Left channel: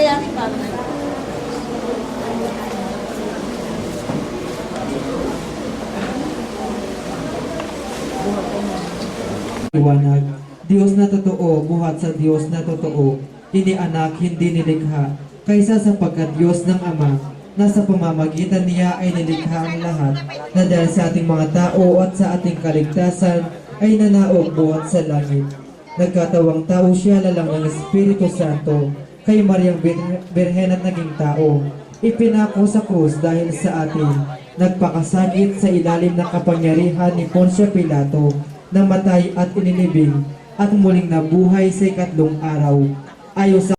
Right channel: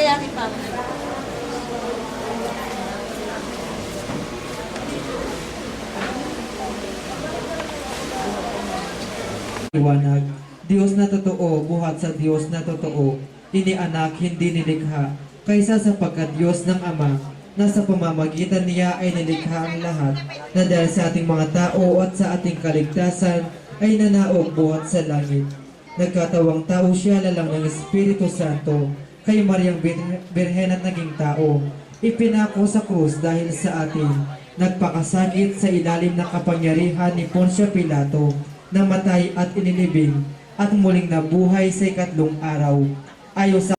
kaya ni Papa. Liwanag, Diyos na totoo, buhat sa Diyos na totoo, inianak, hindi nilikha, kaysa sapagkat Diyos ng Ama, na sa pamamagitan niya ay nilikha ang lahat, na dahil sa ating mga tao at sa ating kaligtasan ay nanaog buhat sa langit. Nagkatawang tao siya lalang ng Espiritu Santo, kay Mariang Birhen at naging tao. Ipinako sa krus dahil sa atin, nagpakasakit sa ilalim ng kapangyarihan ni Poncio Pilato, namatay at inilibing, at muling nabuhay sa ikatlong araw, ayon sa